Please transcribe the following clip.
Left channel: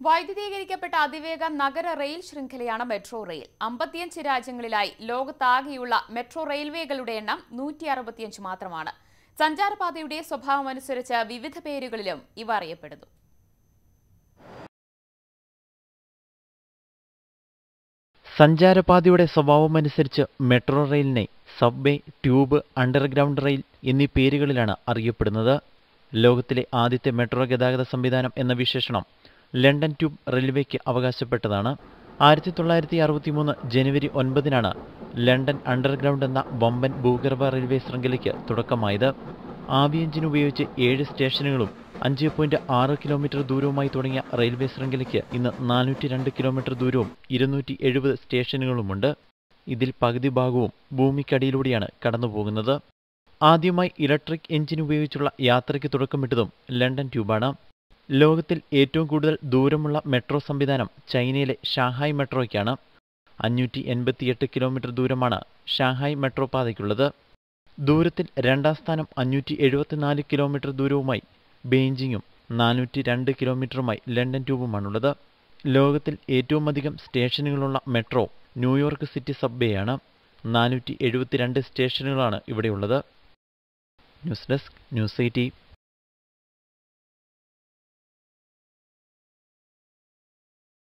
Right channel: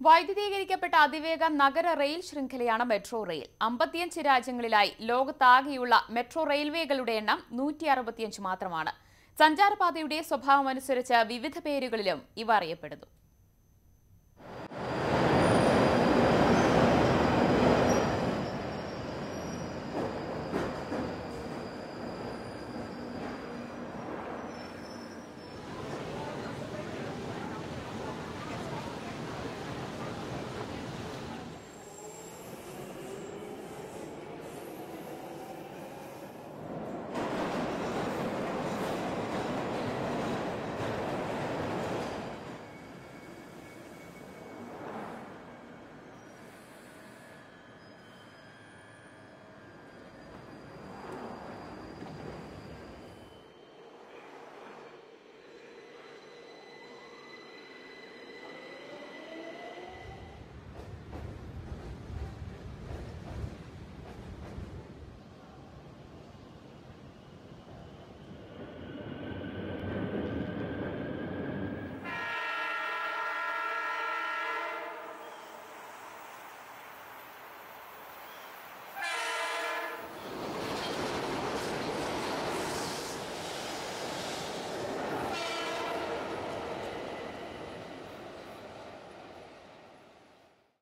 വൈദ്യുതീകരിക്കപ്പെട്ട അതിവേഗ നഗര റെയിൽ ശൃംഖലയാണ് മെട്രോ റെയിൽ. 55 രാജ്യങ്ങളിലായി ലോകത്താകെയുള്ള മെട്രോ റെയിൽവേകളുടെ എണ്ണം 165 മാത്രമാണ്. സഞ്ചാരപാതയുടെ സ്വഭാവമനുസരിച്ച് വിവിധ പേരുകളിലും ഇവ അറിയപ്പെടുന്നു. സഞ്ചാരപാതയുടെ സ്വഭാവമനുസരിച്ച് മെട്രോ റെയിലിനെ സബ്വേ, ട്യൂബ്, അണ്ടർഗ്രൗണ്ട് റെയിൽ എന്നീ പേരുകളിലാണ് അറിയപ്പെടുന്നത്. ലോകത്തിലെ ആദ്യത്തെ മെട്രോ ഗതാഗത സംവിധാനം എന്ന വിശേഷണം ലണ്ടൻ ട്യൂബ് റെയിൽവേക്ക് അവകാശപ്പെട്ടതാണ്. 1963 ജനുവരി 9 ലണ്ടൻ അണ്ടർഗ്രൗണ്ട് എന്ന വമ്പൻ ഭൂഗർഭ റെയിൽവേ ശൃംഖലയ്ക്ക് തുടക്കമായത്. ആവി എഞ്ചിൻ ഉപയോഗിച്ച് 7 സ്റ്റേഷനുകളും 5.6 കിലോമീറ്റർ ദൂരവുമായി തുടങ്ങിയ റെയിൽവേ ശൃംഖലയ്ക്ക് ഇന്ന് 402 കിലോമീറ്റർ ദൂരവും 270 സ്റ്റേഷനുകളുമുണ്ട്. ഇതിൽ പകുതി ഭാഗവും ഭൂമിക്കടിയിലൂടെയാണ് കടന്നുപോകുന്നത്. ആദ്യമായി ഇലക്ട്രിക് എഞ്ചിൻ ഉപയോഗിച്ചുള്ള യാത്രയ്ക്ക് തുടക്കമിട്ടതും ലണ്ടൻ ട്യൂബാണ്. ലോകത്തിൽ ഏറ്റവും കൂടുതൽ ദൂരമുള്ള മെട്രോ സംവിധാനം ചൈനയിലെ ഷാങ്ഹായ് മെട്രോയ്ക്കാണ്. 588 കിലോമീറ്റർ ദൂരമാണ് ഷാങ്ഹായ് മെട്രോ പാതയ്ക്കുള്ളത്. ദൂരത്തിൽ രണ്ടാം സ്ഥാനം 574 കിലോമീറ്റർ ദൂരവുമായി ബെയ്ജിങ്ങും 402 കിലോമീറ്ററുമായി ലണ്ടൻ ട്യൂബുമാണുള്ളത്. ലോകത്തിൽ ഏറ്റവും അധികം സ്റ്റേഷനുകളുള്ള മെട്രോ ന്യൂയോർക്ക് സിറ്റി സബ്വേയാണ്. 472 സ്റ്റേഷനുകളാണ് ഇവിടെയുള്ളത്. News desk, news 18.